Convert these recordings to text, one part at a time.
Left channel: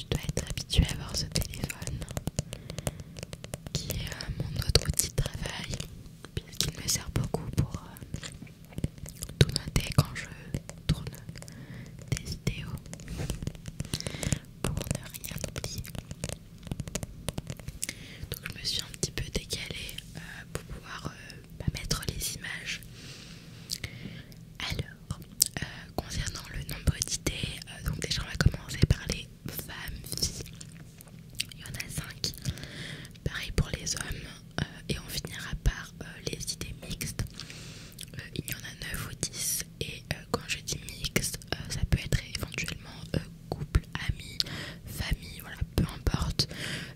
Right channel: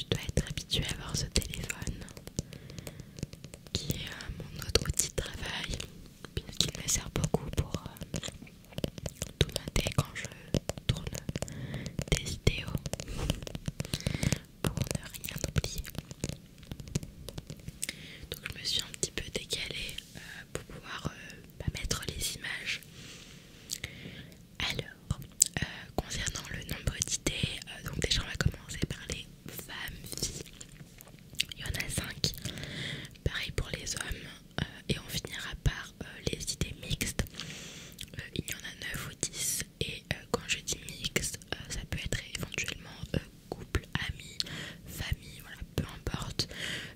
tu dois être habitué à avoir ce téléphone qui est mon autre outil de travail puisqu'il me sert beaucoup pour tout noter quand je tourne des vidéos pour ne rien oublier. Donc je me suis un petit peu décalée pour pouvoir mettre les images. Alors, concernant le nombre d'idées, donc déjà on va commencer par les femmes, filles. Il y en a 5. Pareil pour les hommes. Et on finira par les idées mixtes. Il y en a 9 ou 10. Et quand je dis mixte, ça peut être éventuellement couple, amis, famille, voilà, peu importe.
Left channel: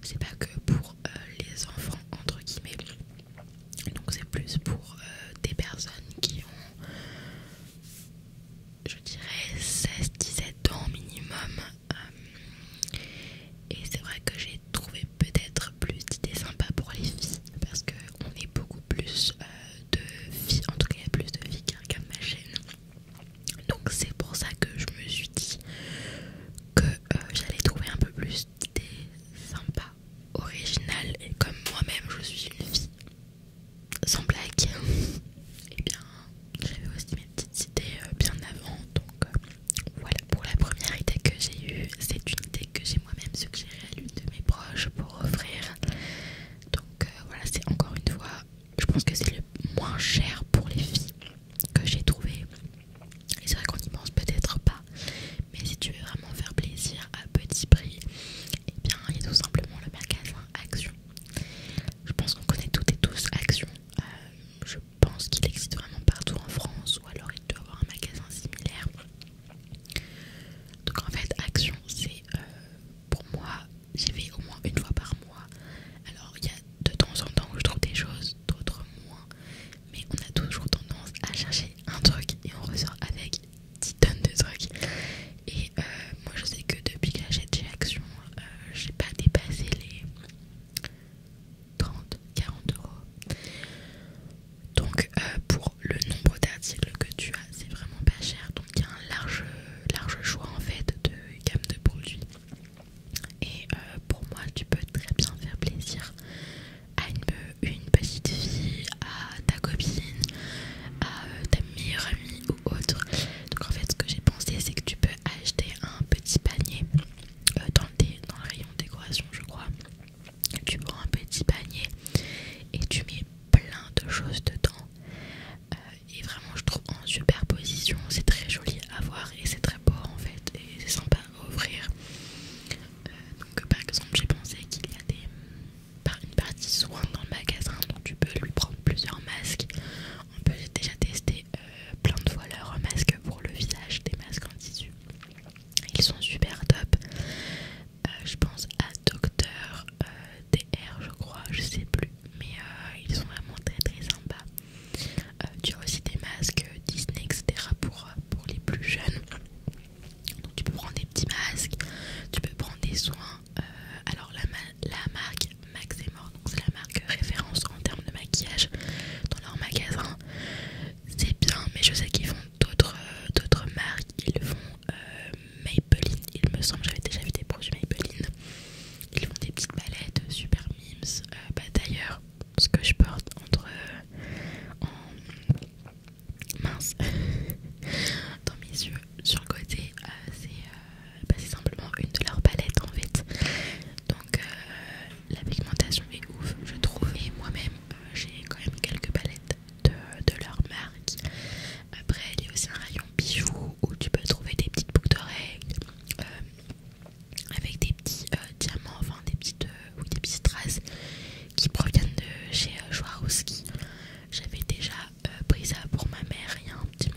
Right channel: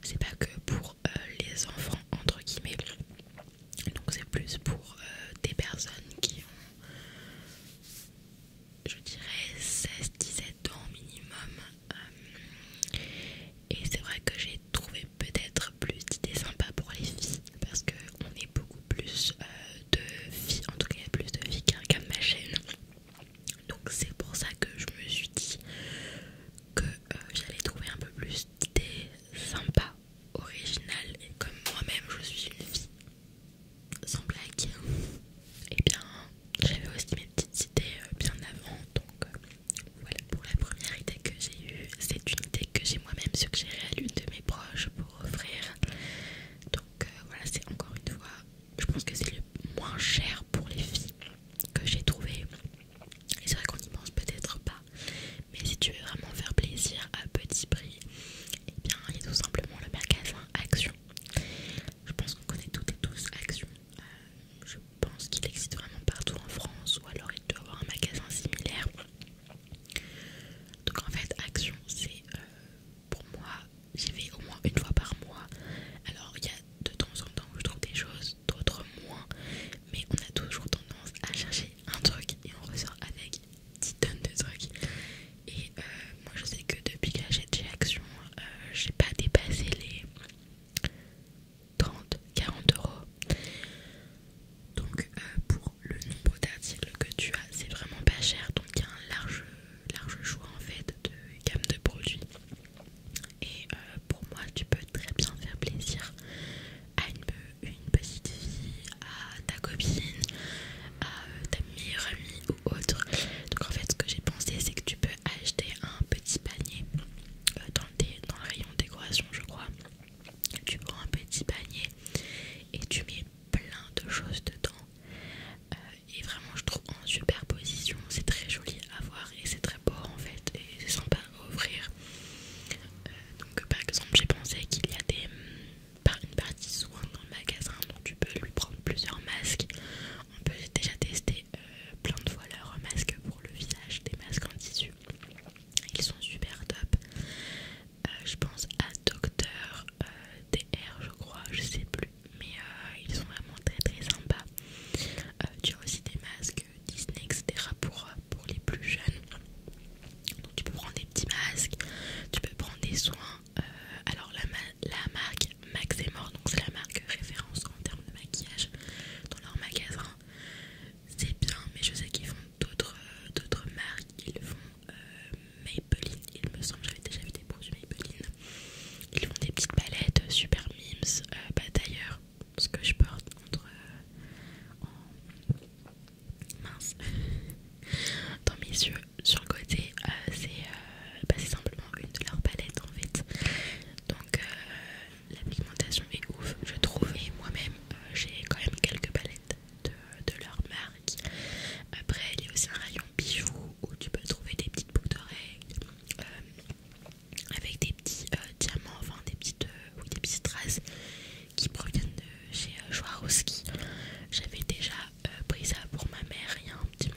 C'est pas que pour les enfants, entre guillemets. Donc c'est plus pour des personnes qui ont, je dirais, 16-17 ans minimum. Et c'est vrai que j'ai trouvé peut-être plus d'idées sympas pour les filles parce qu'on est beaucoup plus de filles, en tout cas il y a plus de filles qui regardent ma chaîne. Donc c'est pour ça que je me suis dit que j'allais trouver un peu plus d'idées sympas, originales. Et comme moi-même je suis une fille sans blague, et bien j'avais aussi mes petites idées bien avant. Donc voilà, pour la première idée que j'ai eue, c'est une idée que j'ai moi-même suggérée à l'une de mes proches pour offrir. Donc voilà, c'est encore une fois, je pense que c'est le moins cher pour les filles que j'ai trouvé. Et c'est vrai qu'on n'y pense peut-être pas, mais si tu veux vraiment faire plaisir à petit prix, eh bien il y a tout simplement le magasin Action. Je pense qu'on connaît toutes et tous Action. Je pense qu'il existe vraiment partout en France, ou alors il doit y avoir un magasin similaire. Donc en fait Action c'est pour moi, j'y vais au moins une fois par mois. Alors il y a de temps en temps où je trouve des choses, d'autres moins, mais on a toujours tendance à chercher un truc et on ressort avec 10 tonnes de trucs. Et moi je sais que depuis que j'achète chez Action, j'ai pas dépassé les 30-40 €. Donc pour le nombre d'articles que tu as, c'est vraiment pas cher. Donc il y a un large choix en fait de gamme de produits. Et pour moi tu peux très bien faire plaisir à une petite fille, à ta copine, à ta meilleure amie ou autre. Donc en fait ce que j'ai pensé c'est que tu peux acheter un petit panier dans le rayon décoration je crois. Tu prends un petit panier et tu mets plein de choses dedans. Et vraiment je trouve en superposition c'est très joli à voir et c'est très beau en fait et c'est sympa à offrir. Donc par exemple j'ai pensé qu'il y a une partie soins dans le magasin, donc tu peux lui prendre plusieurs masques. On peut déjà tester plein de fois leurs masques pour le visage, des masques en tissu. Ils sont super top. Je pense à Docteur DR je crois, je sais plus, mais ils sont vraiment très très sympas. Tu as aussi des masques Disney etc pour les plus jeunes. Donc tu peux prendre des petits masques, tu peux prendre des soins. Alors la marque Maxemore, donc c'est la marque référence en termes de maquillage dans leur magasin. C'est bien, mais je sais qu'ils font d'autres marques. Ils font Maybelline, il me semble, j'avais déjà vu des produits Maybelline. Ils font des petites palettes super mimes. D'ailleurs, ce que je porte mince dans mes yeux sur le côté, c'est simplement une de leurs palettes en fait. Donc la pigmentation est ouf je trouve, et moi-même j'ai quand même quelques palettes de leur marque. Après il y a aussi un rayon bijoux où tu peux trouver des petites boucles d'oreilles avec des petits diamants, enfin des petites strass qui proviennent de chez Swarovski. J'avais déjà pris ça pour ma mère il y a un petit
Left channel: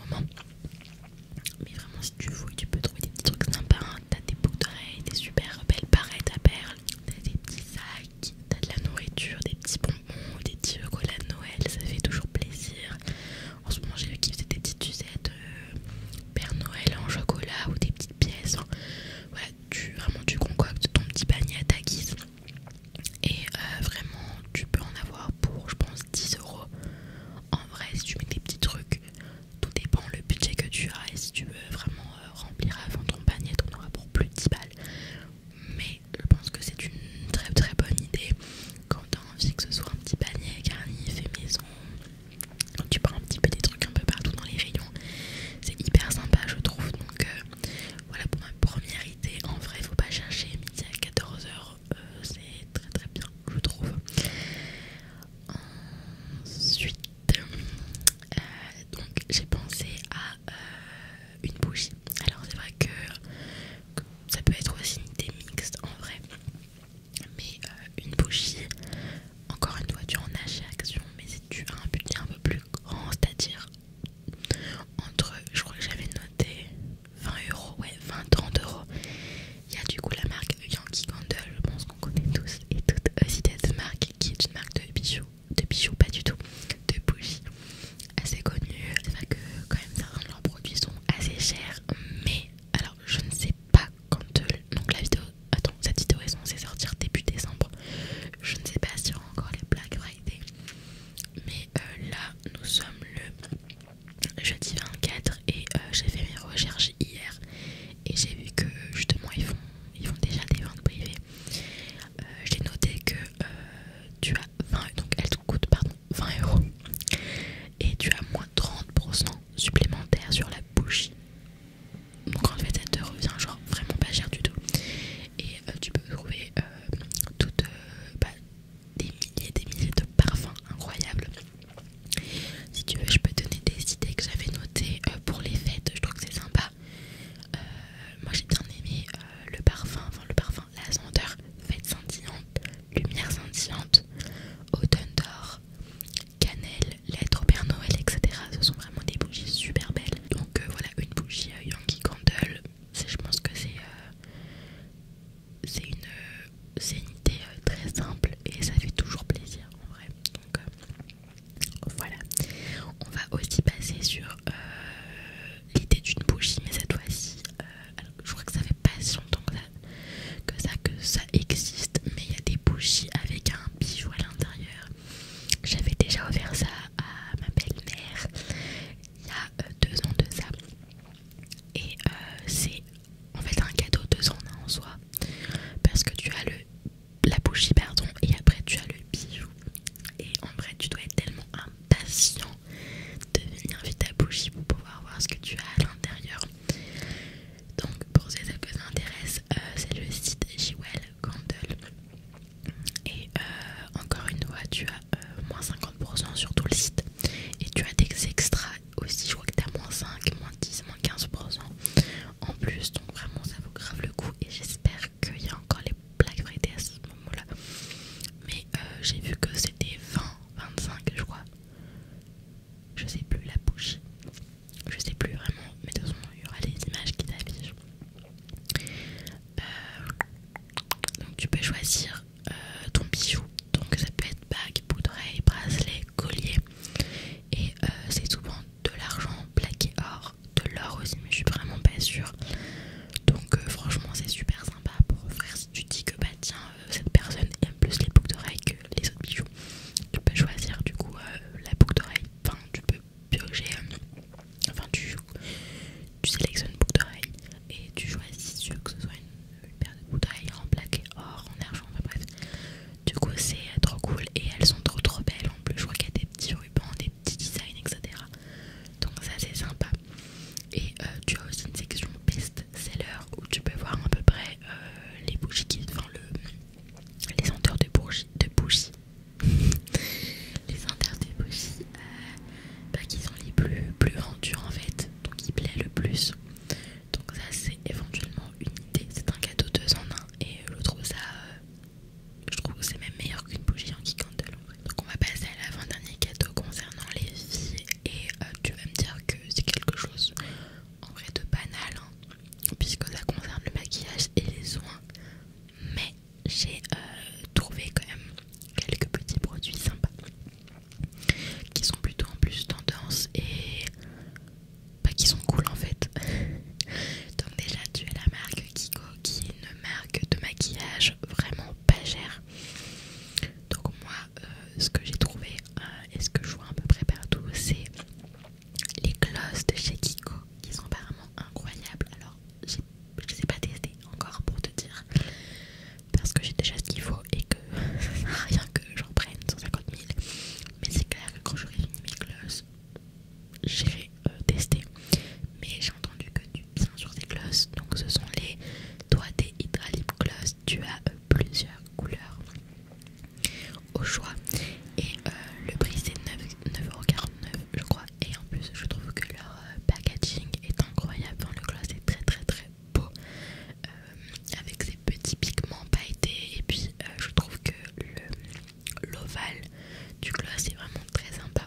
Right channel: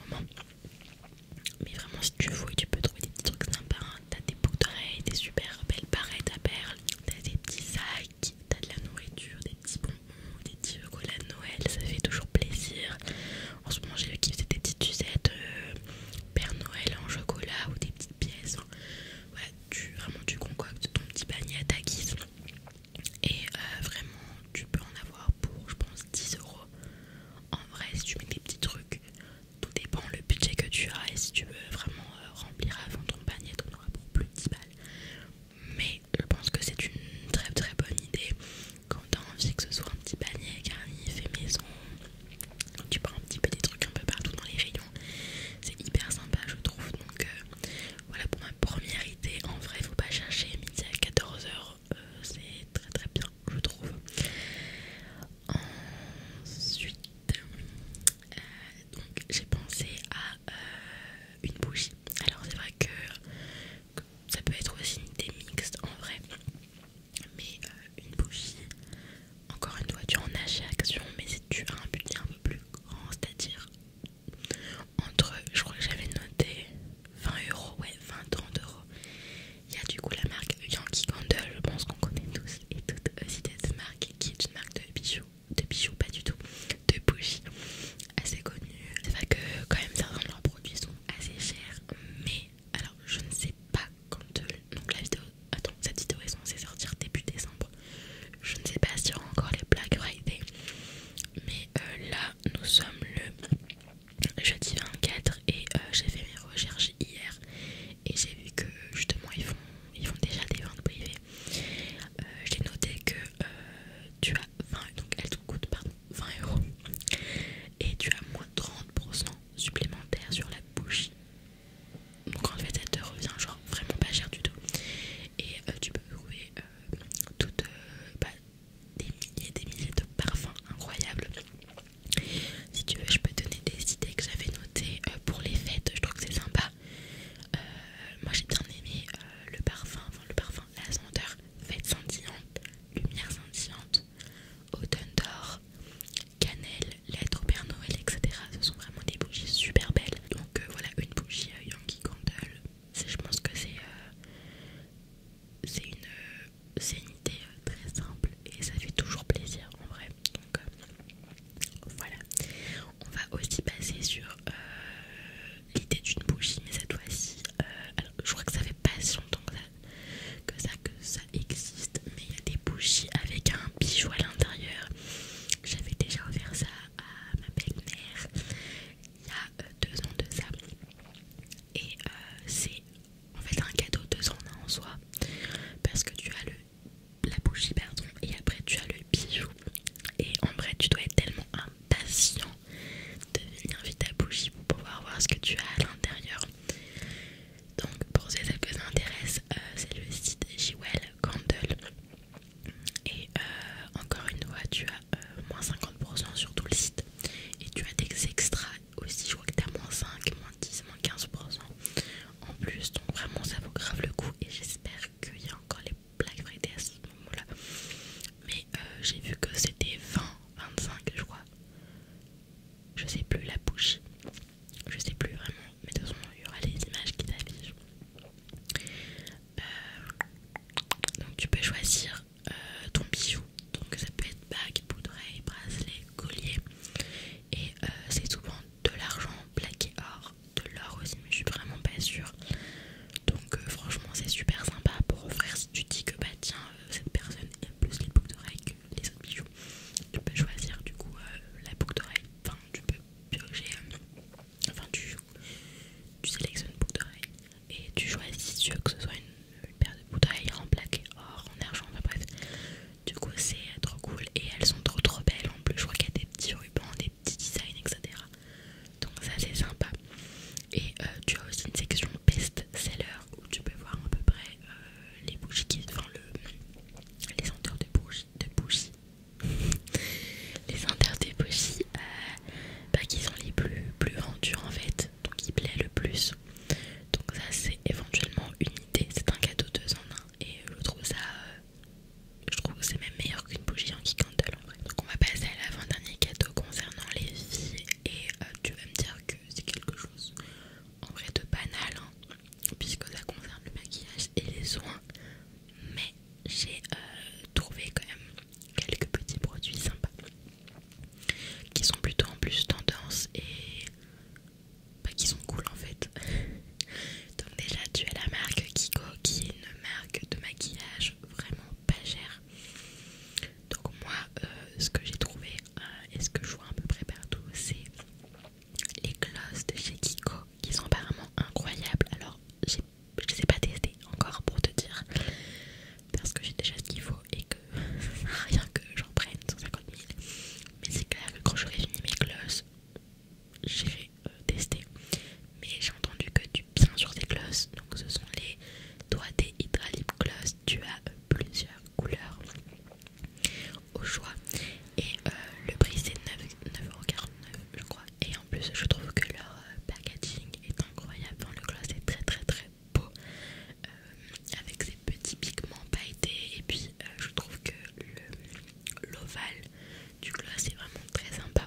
tu sélectionnes boucle d'oreille et tu choisis si tu veux que ce soit une paire de boucles d'oreilles en plaqué or, en argent, enfin bref. Du coup c'est trop cool et elles sont trop belles en plus. Je crois qu'il y a des petits rubans, des petits designs, etc. Donc ça c'est sympa. Et tu as aussi une section best-seller où tu peux voir à peu près les bougies les senteurs de bougies. Les senteurs de bougies qui sont les plus vendus en fait, donc qui plaît le plus. Donc ça c'est éventuellement une idée, c'est un cadeau 2 en 1 et je trouve que c'est même meilleur qu'une bougie en candle en vrai. Donc on va passer à l'avant-dernier cadeau concernant les filles et tu vas me dire que c'est quelque chose en vrai de banal puisque ça concerne le maquillage et les soins, mais j'ai trouvé quand même quelques petits produits sympas qui sont plutôt en plus tendance et qui sont cool en fait. Donc déjà tu as la marque Kiko qui est une marque de maquillage vraiment pas chère. Donc moi ce que j'ai trouvé et ce que je vois à peu près partout c'est les glosses de chez Kiko qui sont apparemment incroyables. Alors je les ai pas testés encore pour te dire parce que j'ai déjà ce qu'il faut et que ça sert à rien que j'en prenne 150 000. Mais c'est clair que quand j'aurai fini mes glosses j'irai tester. Mais j'ai entendu que du bien sur ces glosses. Donc ce sont les Doigts des Hydra Lip Gloss. Tu as plusieurs couleurs au choix et le prix c'est 9,49€ je crois. Et en plus je trouve que leur packaging est incroyable. Enfin, le gloss est très beau avec ses petits pigments pailletés et puis je trouve que l'ovale du gloss est vraiment très sympa.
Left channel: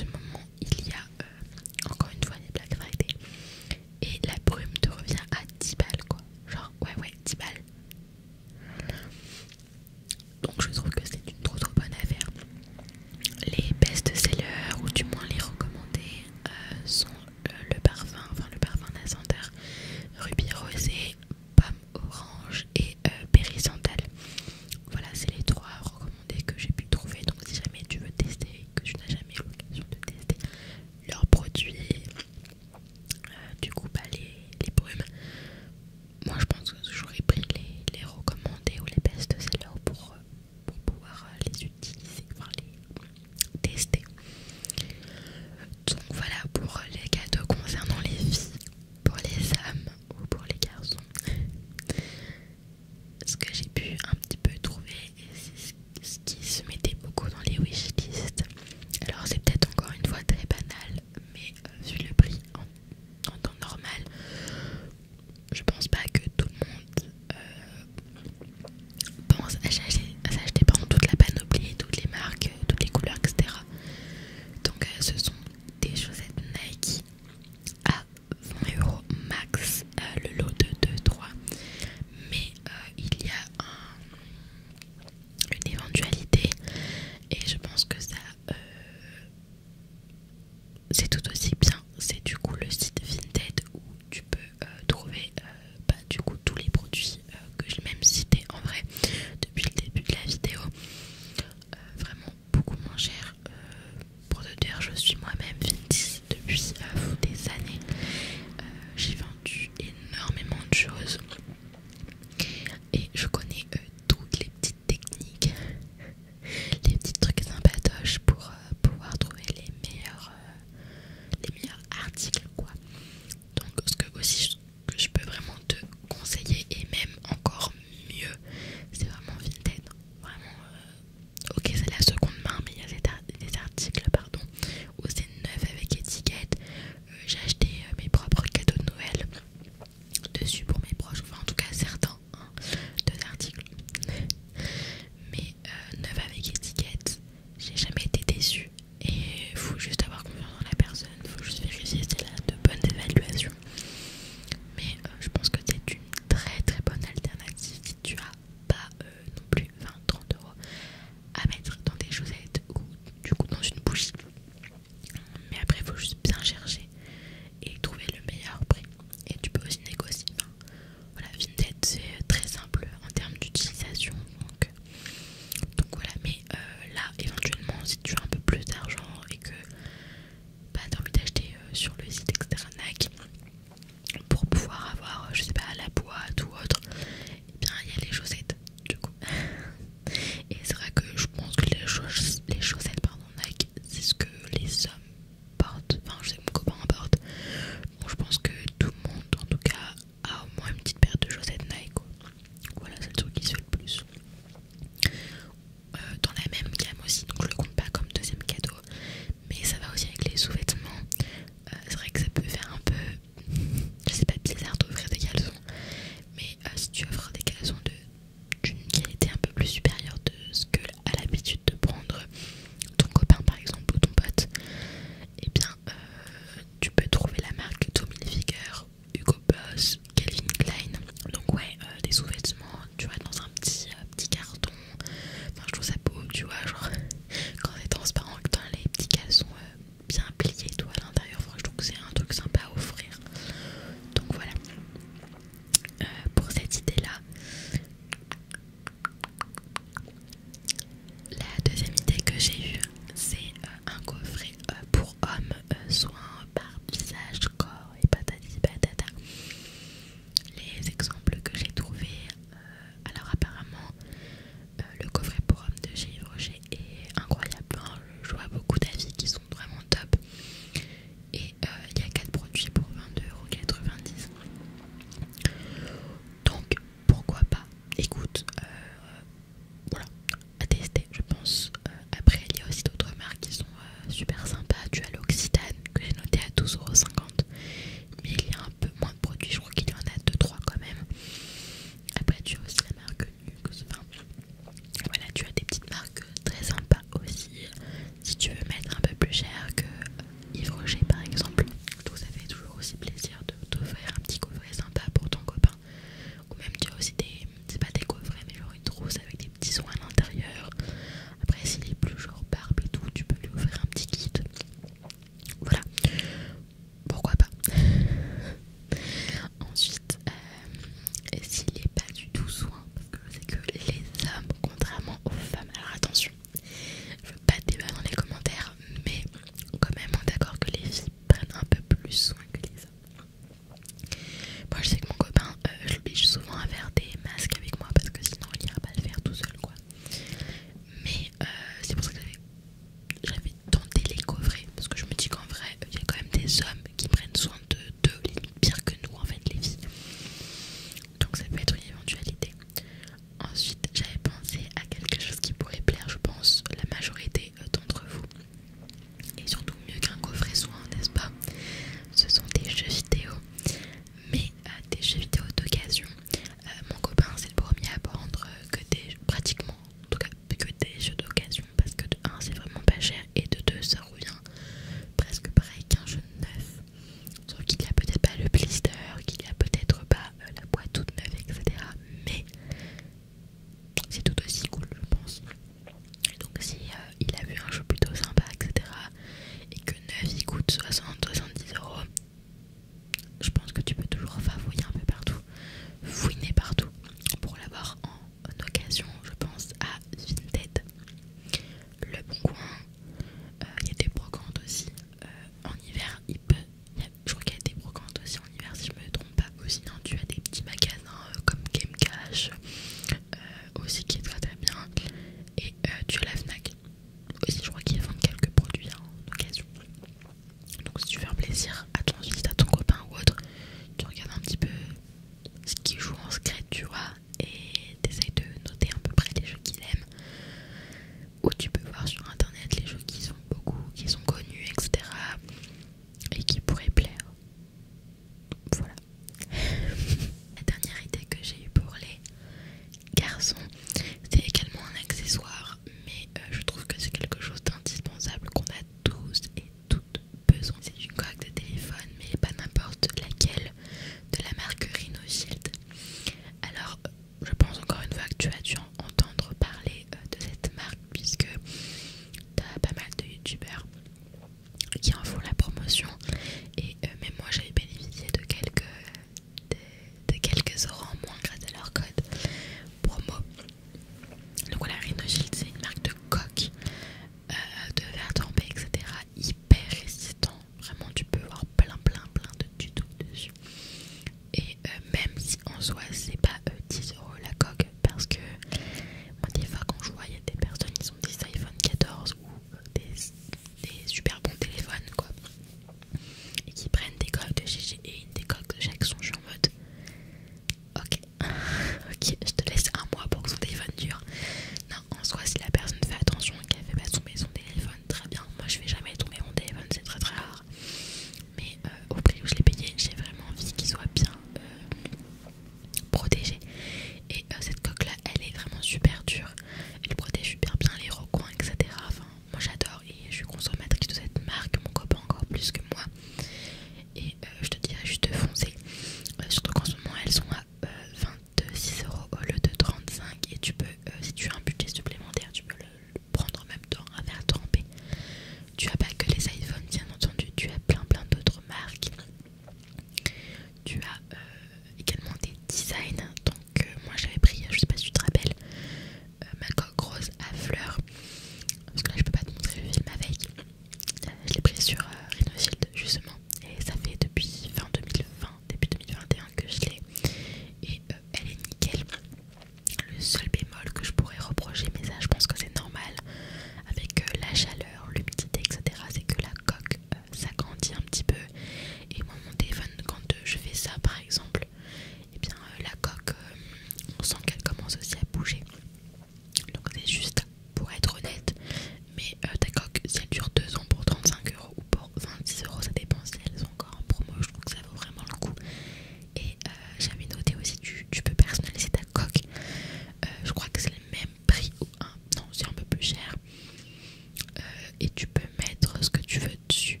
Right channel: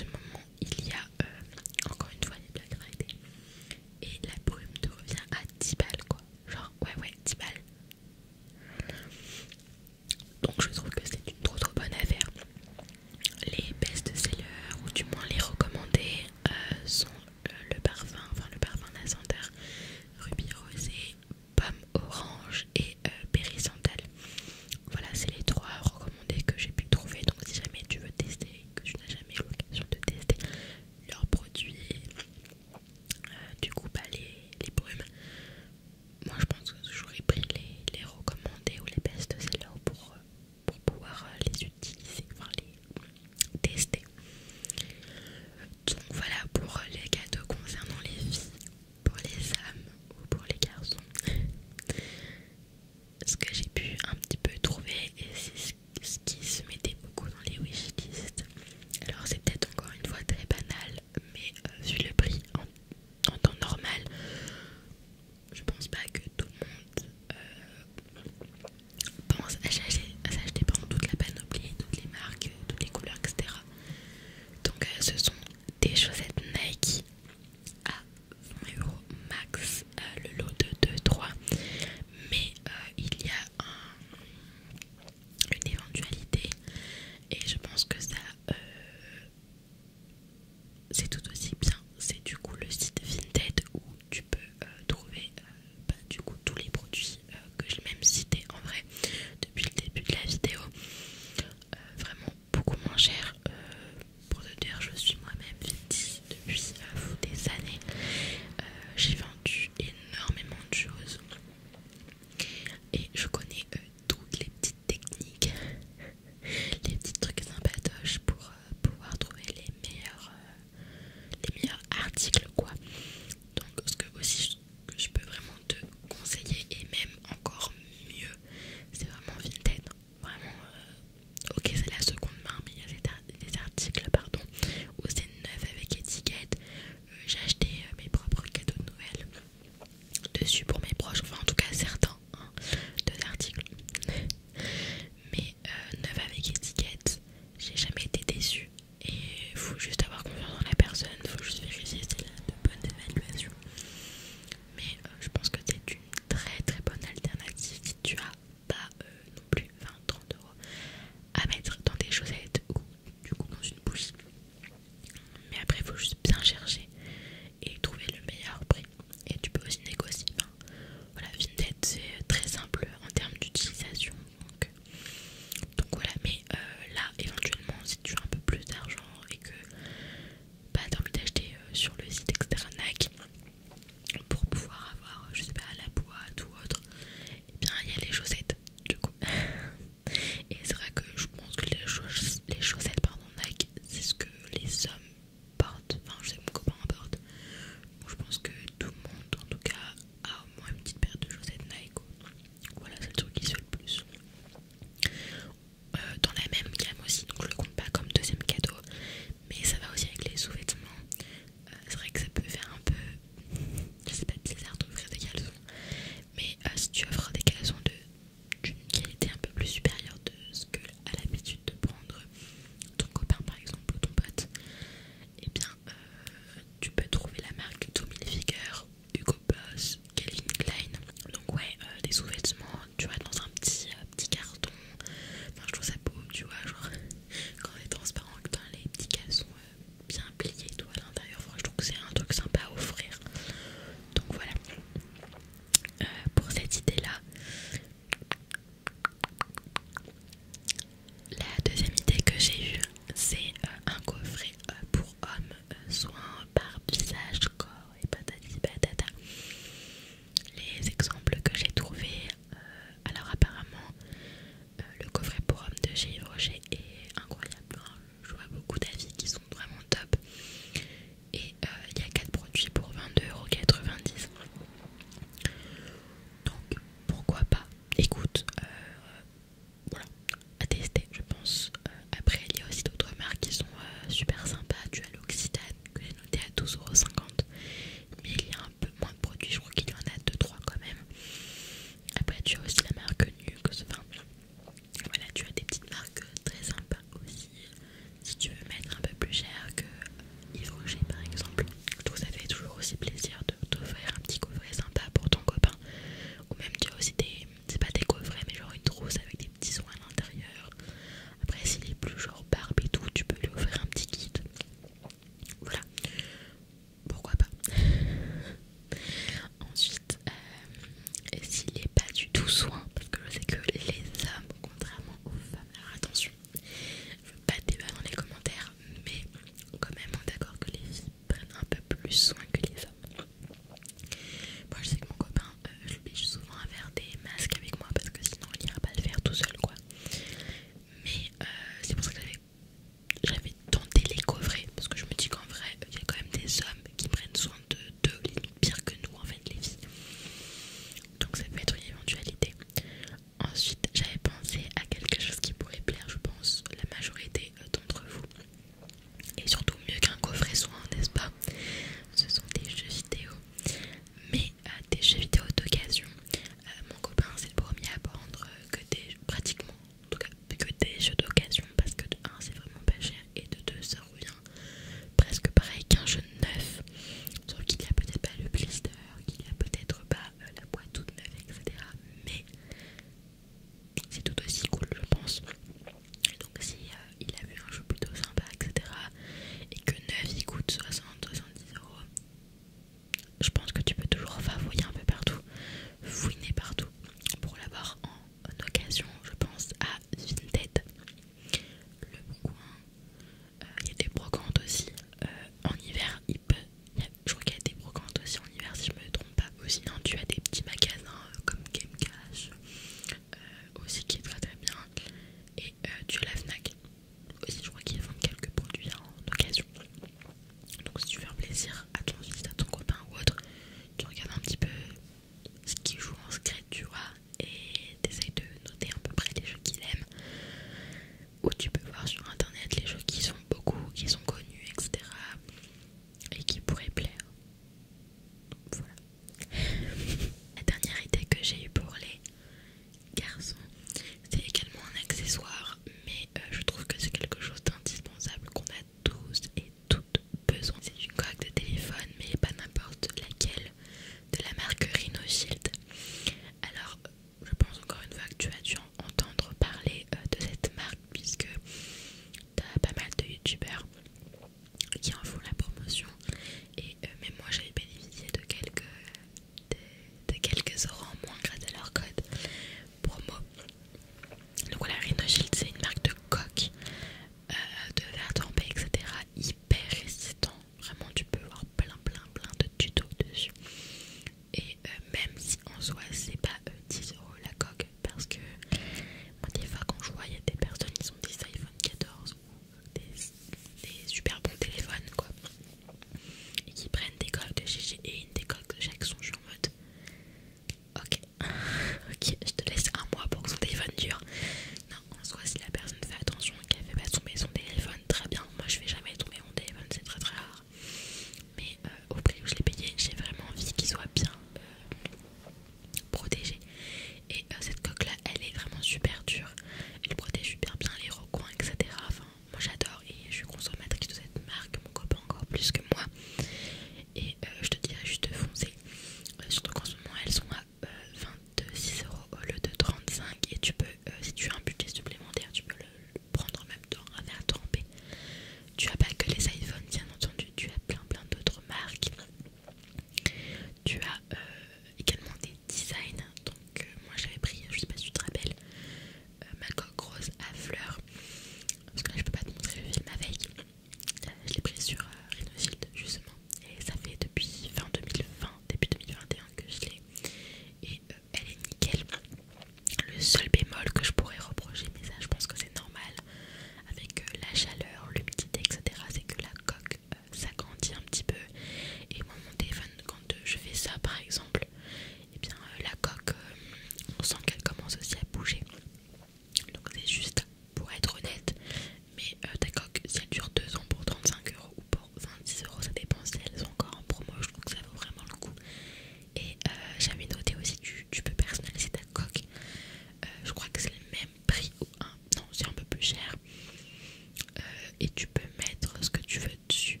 tu peux mettre ce que tu veux dessus,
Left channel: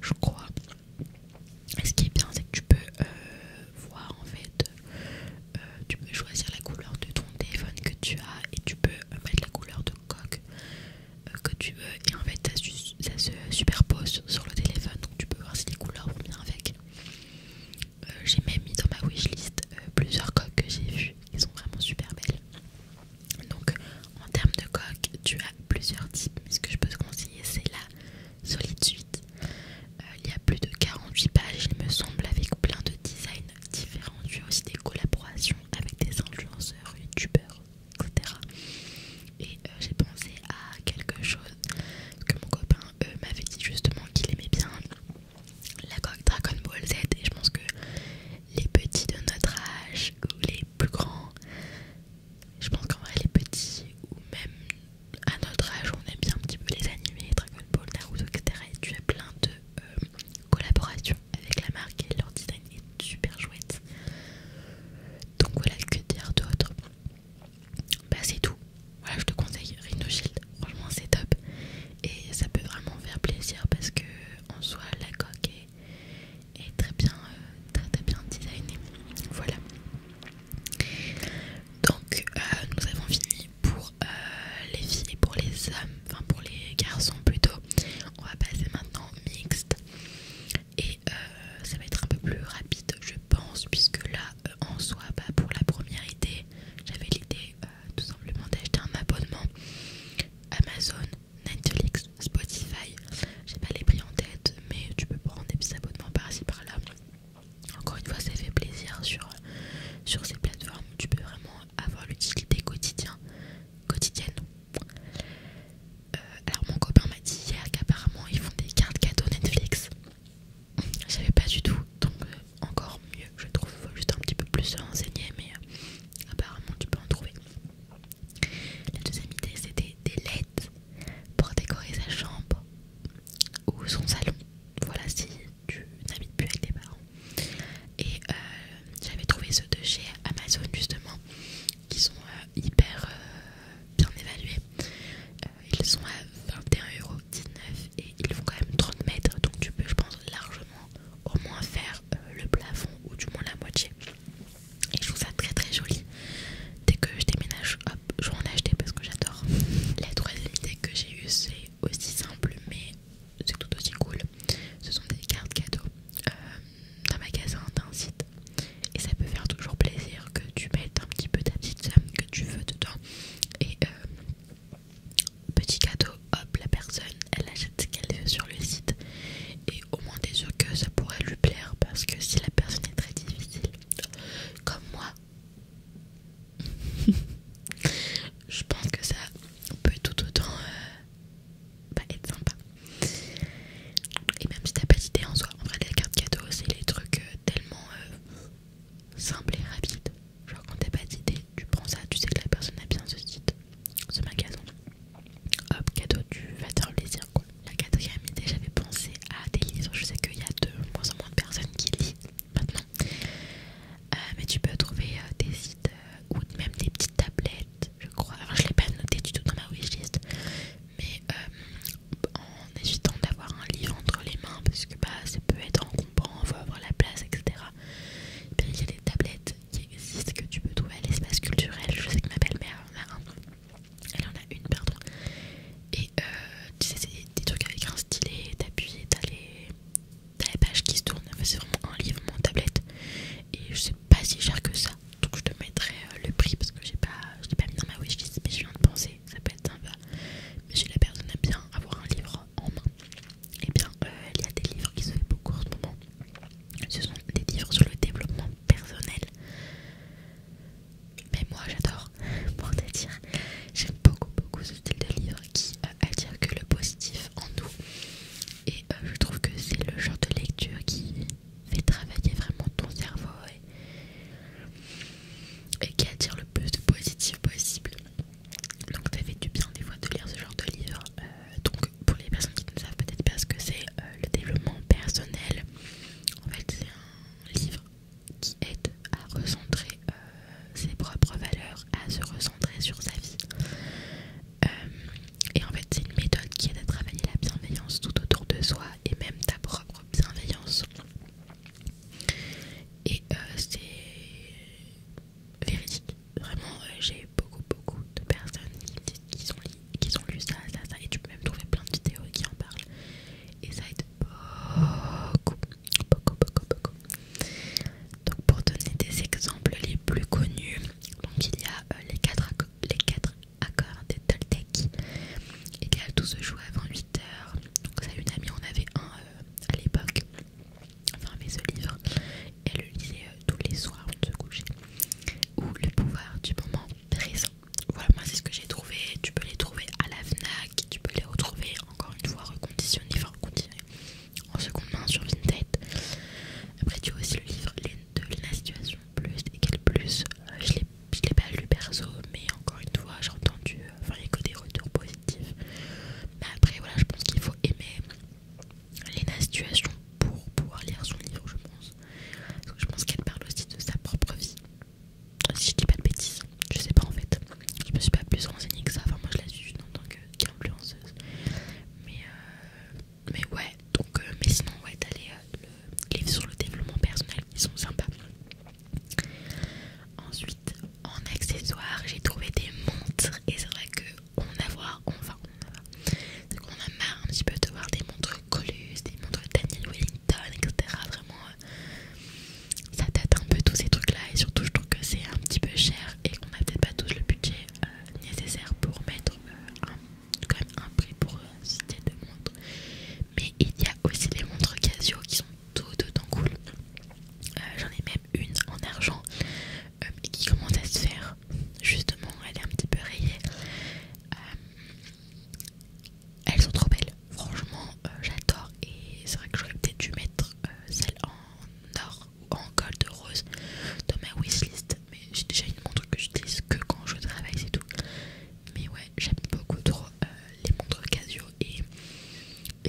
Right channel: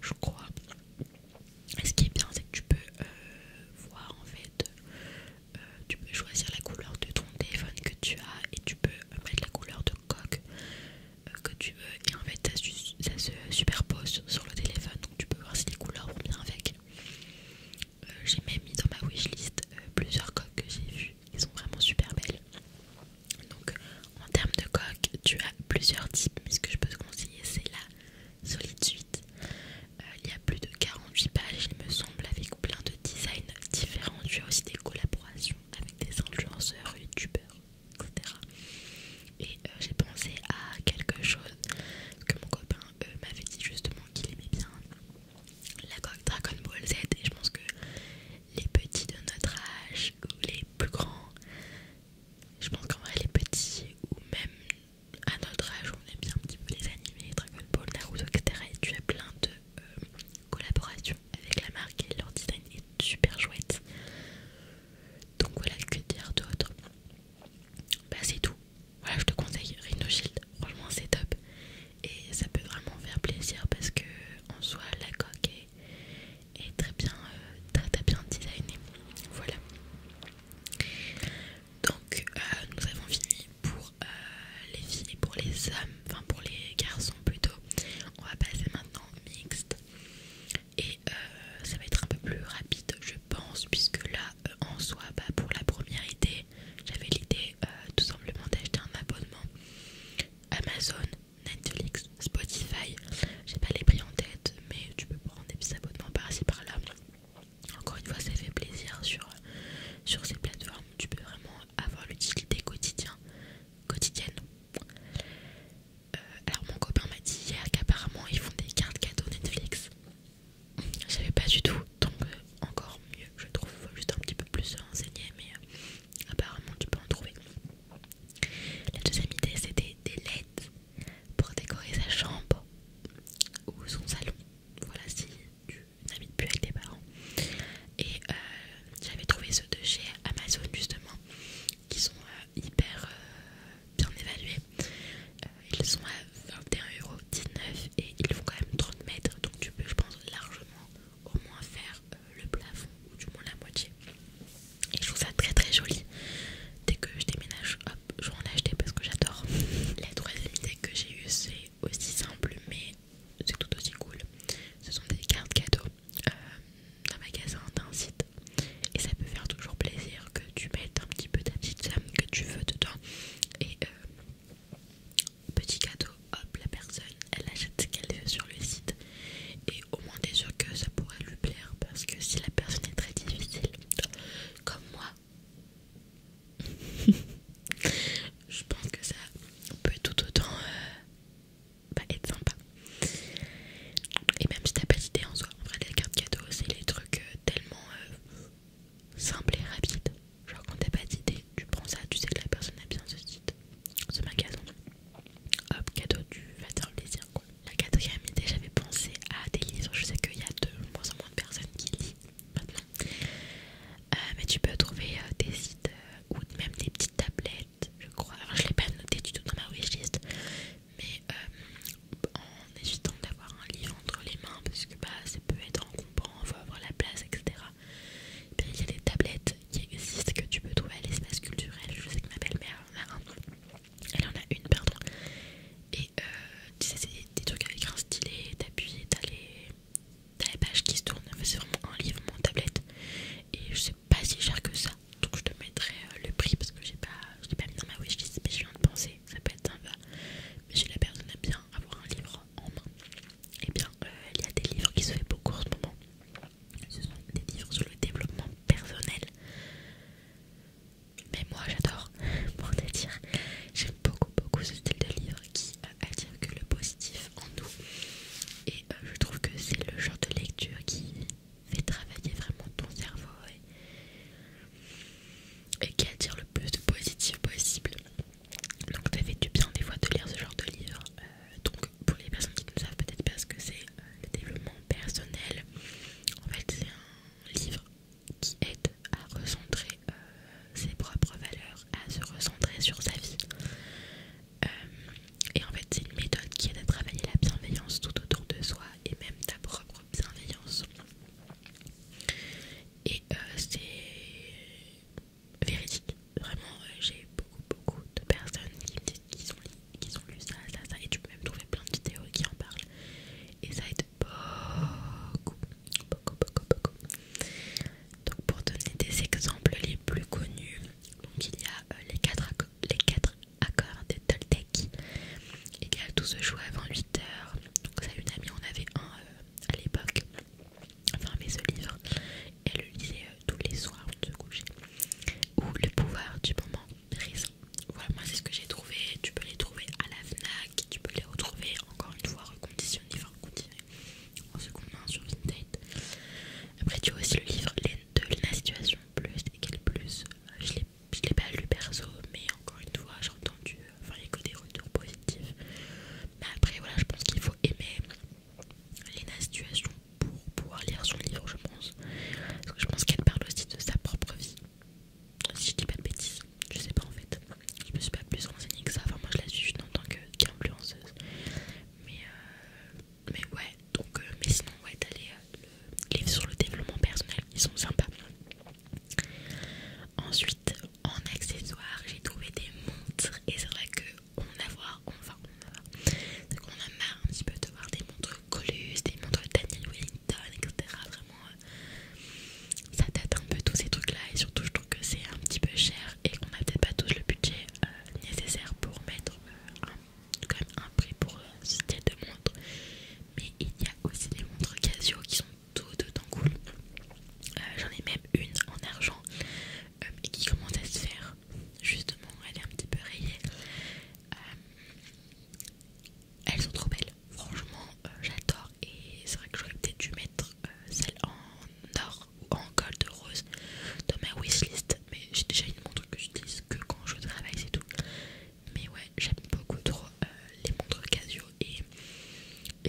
je crois. Et ce qui est bien, c'est que tu peux voir en fait, tu peux choisir la couleur de ton téléphone que tu as et tu peux mettre la couleur de coque que tu veux, et en fait ça se superpose sur le téléphone, donc tu peux voir si les couleurs vont bien avec. J'ai même mis dans ma wishlist plusieurs coques que j'ai vues, qui sont vraiment super belles. Donc en termes de coque, tu as plusieurs types, mais ce que je peux te conseiller, c'est la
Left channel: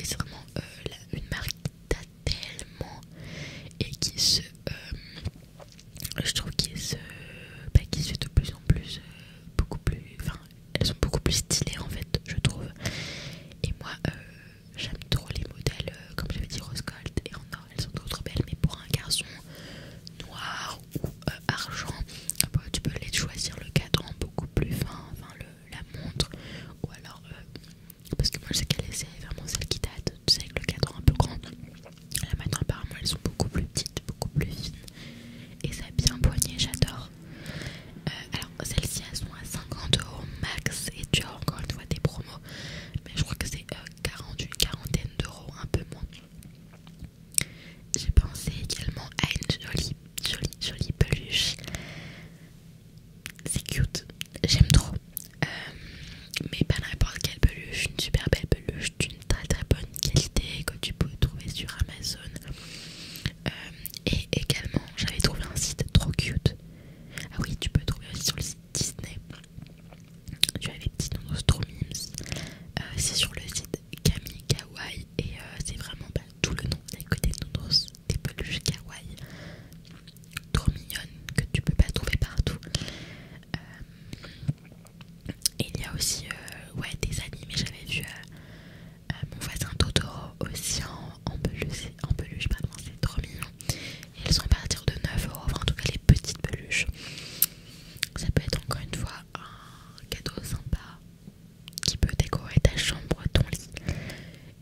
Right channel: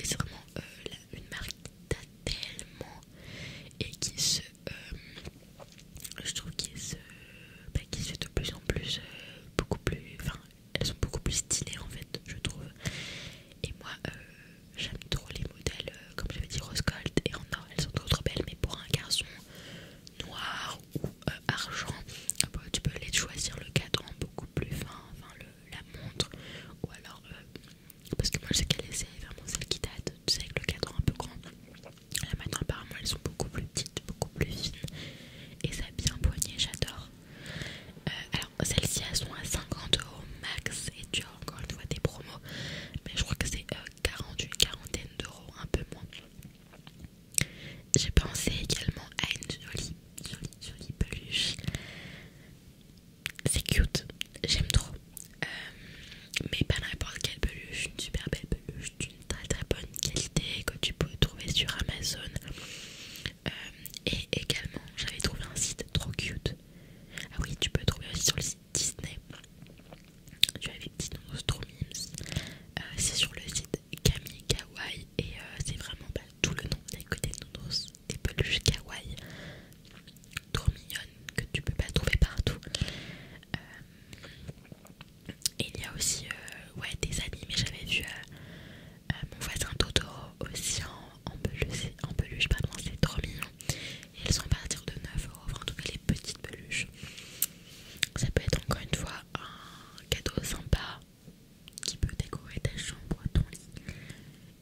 et c'est vraiment une marque qui date tellement et qui se je trouve qui se fait de plus en plus beaucoup plus, enfin elles sont beaucoup plus stylées en fait, je trouve. Et moi j'aime trop les modèles comme j'avais dit rose gold et en or, elles sont trop trop belles, mais pour un garçon noir ou argent, tu peux les choisir le cadran beaucoup plus fin, enfin la montre, ou alors parce que moi je sais qu'elle c'est vraiment celle qui date, tu sais, avec le cadran un peu grand. Là maintenant apparemment elles sont beaucoup plus petites, beaucoup plus fines et ça a bien poigné, j'adore. Alors celles-ci elles sont à 50 € max et tu as encore une fois des promos, mais je crois que c'est une quarantaine d'euros, un peu moins. J'ai pensé également à une jolie peluche. C'est cute, j'aime trop. Mais pas n'importe quelle peluche, une super belle peluche d'une très très bonne qualité que tu peux trouver sur Amazon. Et également, j'avais trouvé un site trop cute. Ah oui, tu peux trouver aussi sur le site Disney. Tu as les petits nounours trop mimes. C'est sur le site Camille Kawaii et c'est vraiment tout le nom. Il y a que des nounours, des peluches kawaii trop mignonnes que tu peux pas trouver partout. Et il y a aussi des animés, j'avais vu mon voisin Totoro aussi en peluche, pardon, c'est trop mignon. Et elles sont à partir de 9 €, enfin en tout cas les petites peluches. Ça peut être encore une fois un cadeau sympa qui peut décorer ta chambre, ton lit.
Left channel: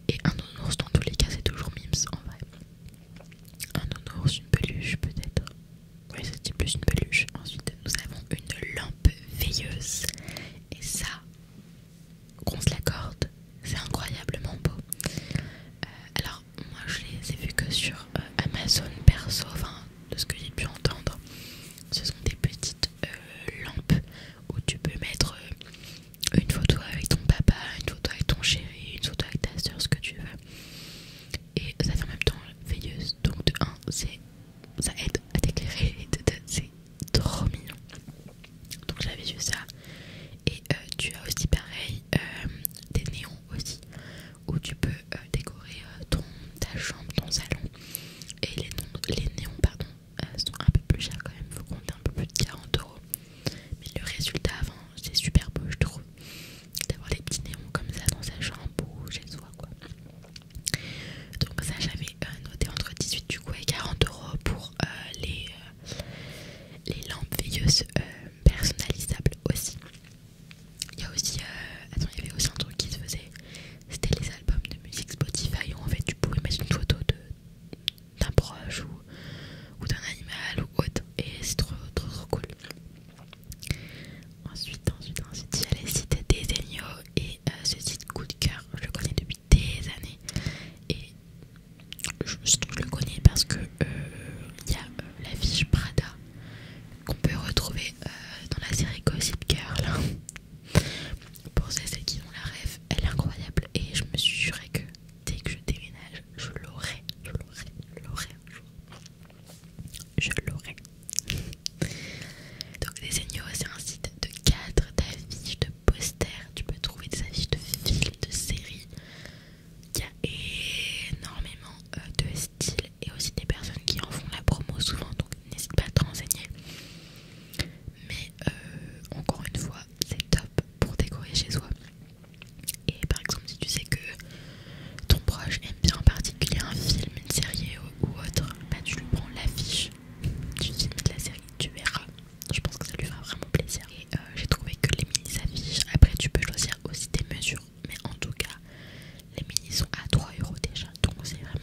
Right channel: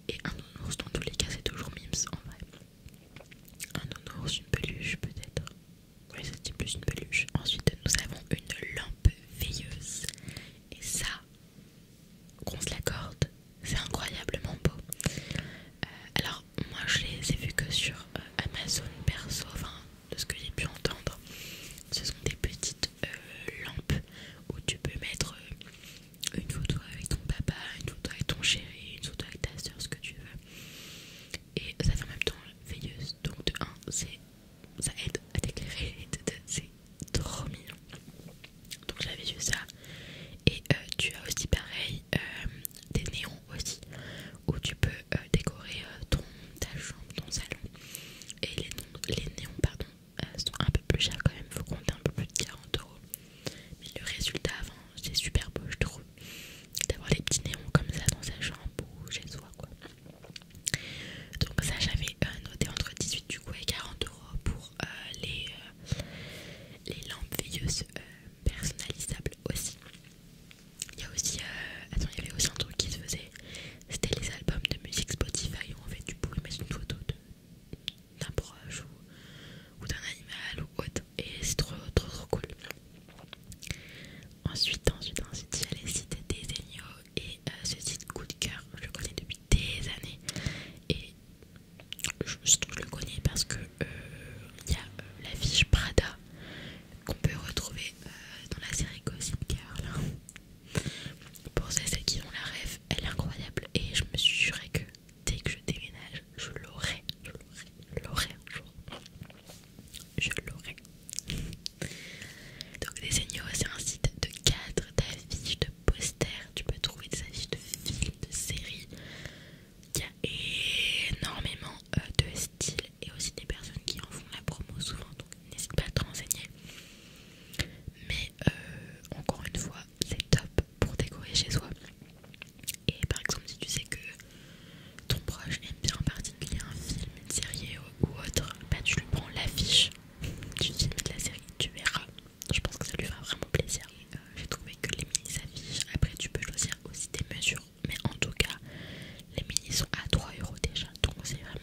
Et un nounours dans tous les cas c'est toujours mimes en vrai. Un nounours, une peluche peut-être. Oui, c'est plus une peluche. Ensuite nous avons une lampe veilleuse. Et ça, qu'on se l'accorde, c'est incroyablement beau. Alors moi je les ai vus que sur Amazon perso, enfin de ce que j'ai pu entendre. Ce sont des petites lampes où tu peux mettre une photo avec ton papa, une photo avec ton chéri, une photo avec ta soeur, ce que tu veux. Et ça fait en même temps veilleuse. Donc de 1, ça aide à t'éclairer et de 2, c'est trop mignon. Donc j'avais vu ça. Et tu as aussi pareil des néons aussi où tu peux décorer ta chambre, ton salon. Et les néons pardon, sont un peu plus chers quand même, faut compter un peu plus de 40 €. Mais le résultat avant c'est super beau je trouve, d'avoir les petits néons comme ça dans sa chambre ou chez soi quoi. Donc ça j'avais noté entre 18 du coup et 40 € pour les lampes veilleuses personnalisables aussi. Il y a aussi, il y avait aussi un truc qui se faisait, c'était les albums de musique Spotify où en fait tu pouvais mettre une photo d'un proche ou d'un animal ou autre et c'est trop cool. Ensuite il y a les sites Desenio et ce site coup de cœur, je le connais depuis des années et je le connais parce que il y a l'affiche Prada qu'on peut retrouver dans la série Gossip Girl. Pour celles qui ont la rêve, elle est incroyable et je me suis juré que dès que je déménage, je l'aurai un jour. Je l'aurai. Donc Desenio, c'est un site de cadres, d'affiches, de posters. Tu peux trouver des affiches de films, de séries. Il y a énormément de styles et aussi des personnes qui en font la promo souvent, donc n'hésite pas à te renseigner. Mais encore une fois, c'est top pour décorer chez soi. Et par exemple, si tu sais que ton proche aime bien en particulier un film, une série ou autre, tu lui prends l'affiche du film et de la série, tu verras. Je pense que ça lui fera vraiment plaisir. Et j'ai trouvé que les mini s'affichent. Après, tu peux choisir aussi tes mesures, mais en tout cas, les mini sont à 3 € déjà, donc c'est vraiment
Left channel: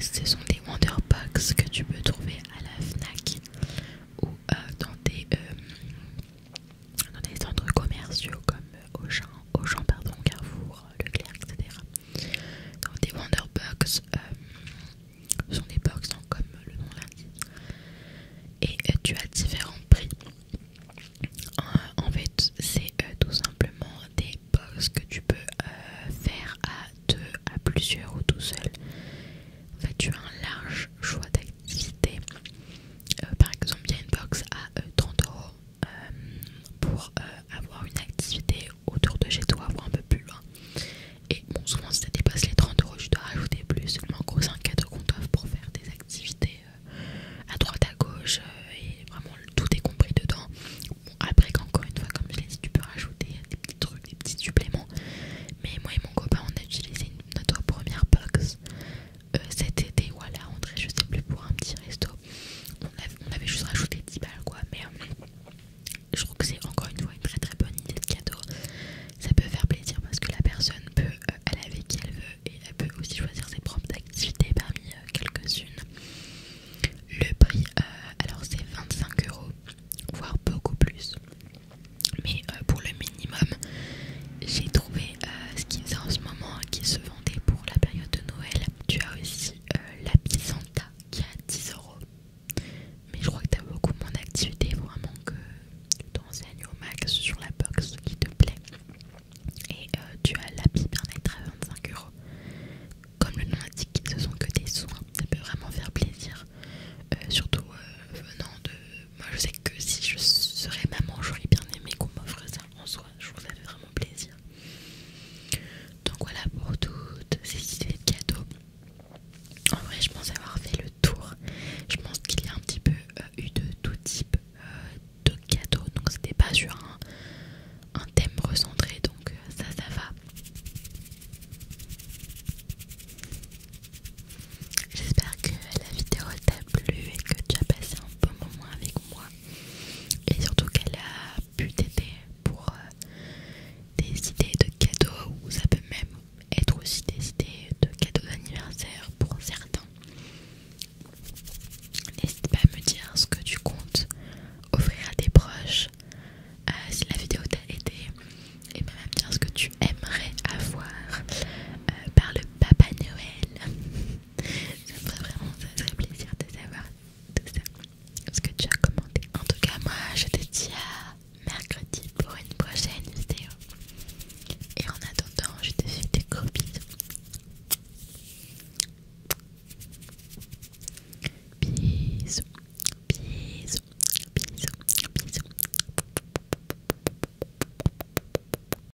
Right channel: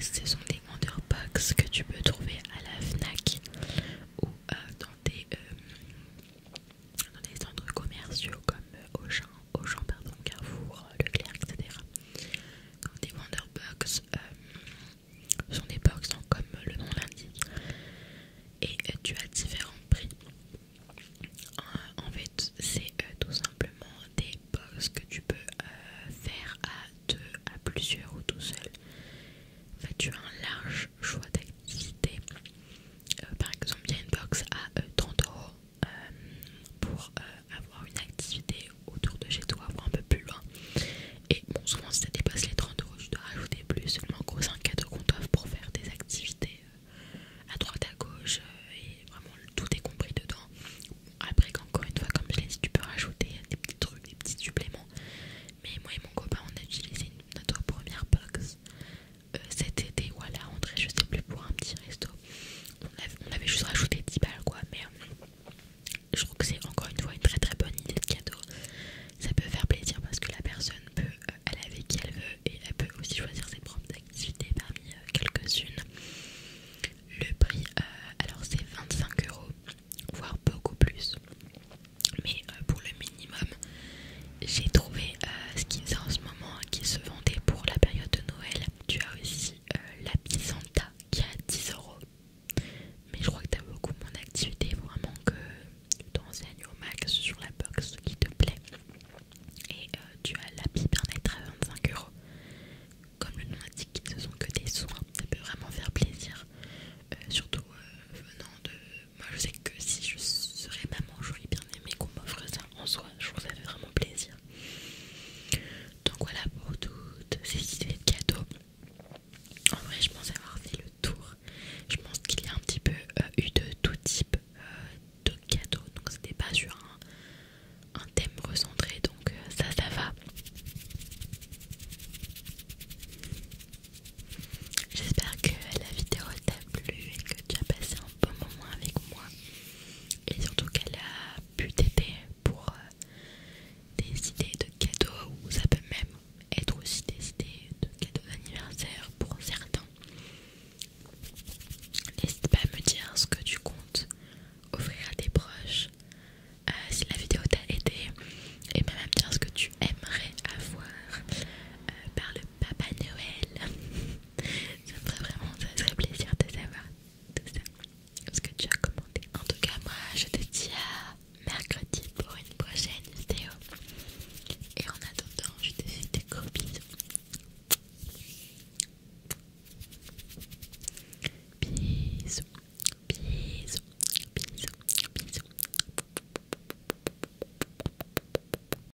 ce sont des Wonderbox que tu peux trouver à la Fnac ou dans des centres commerciaux comme Auchan, pardon, Carrefour, Leclerc, etc. Donc des Wonderbox sont des box, donc, comme le nom l'indique, et tu as différents prix. En fait, c'est tout simplement des box que tu peux faire à deux, à plusieurs ou tout seul. En fait, tu as un large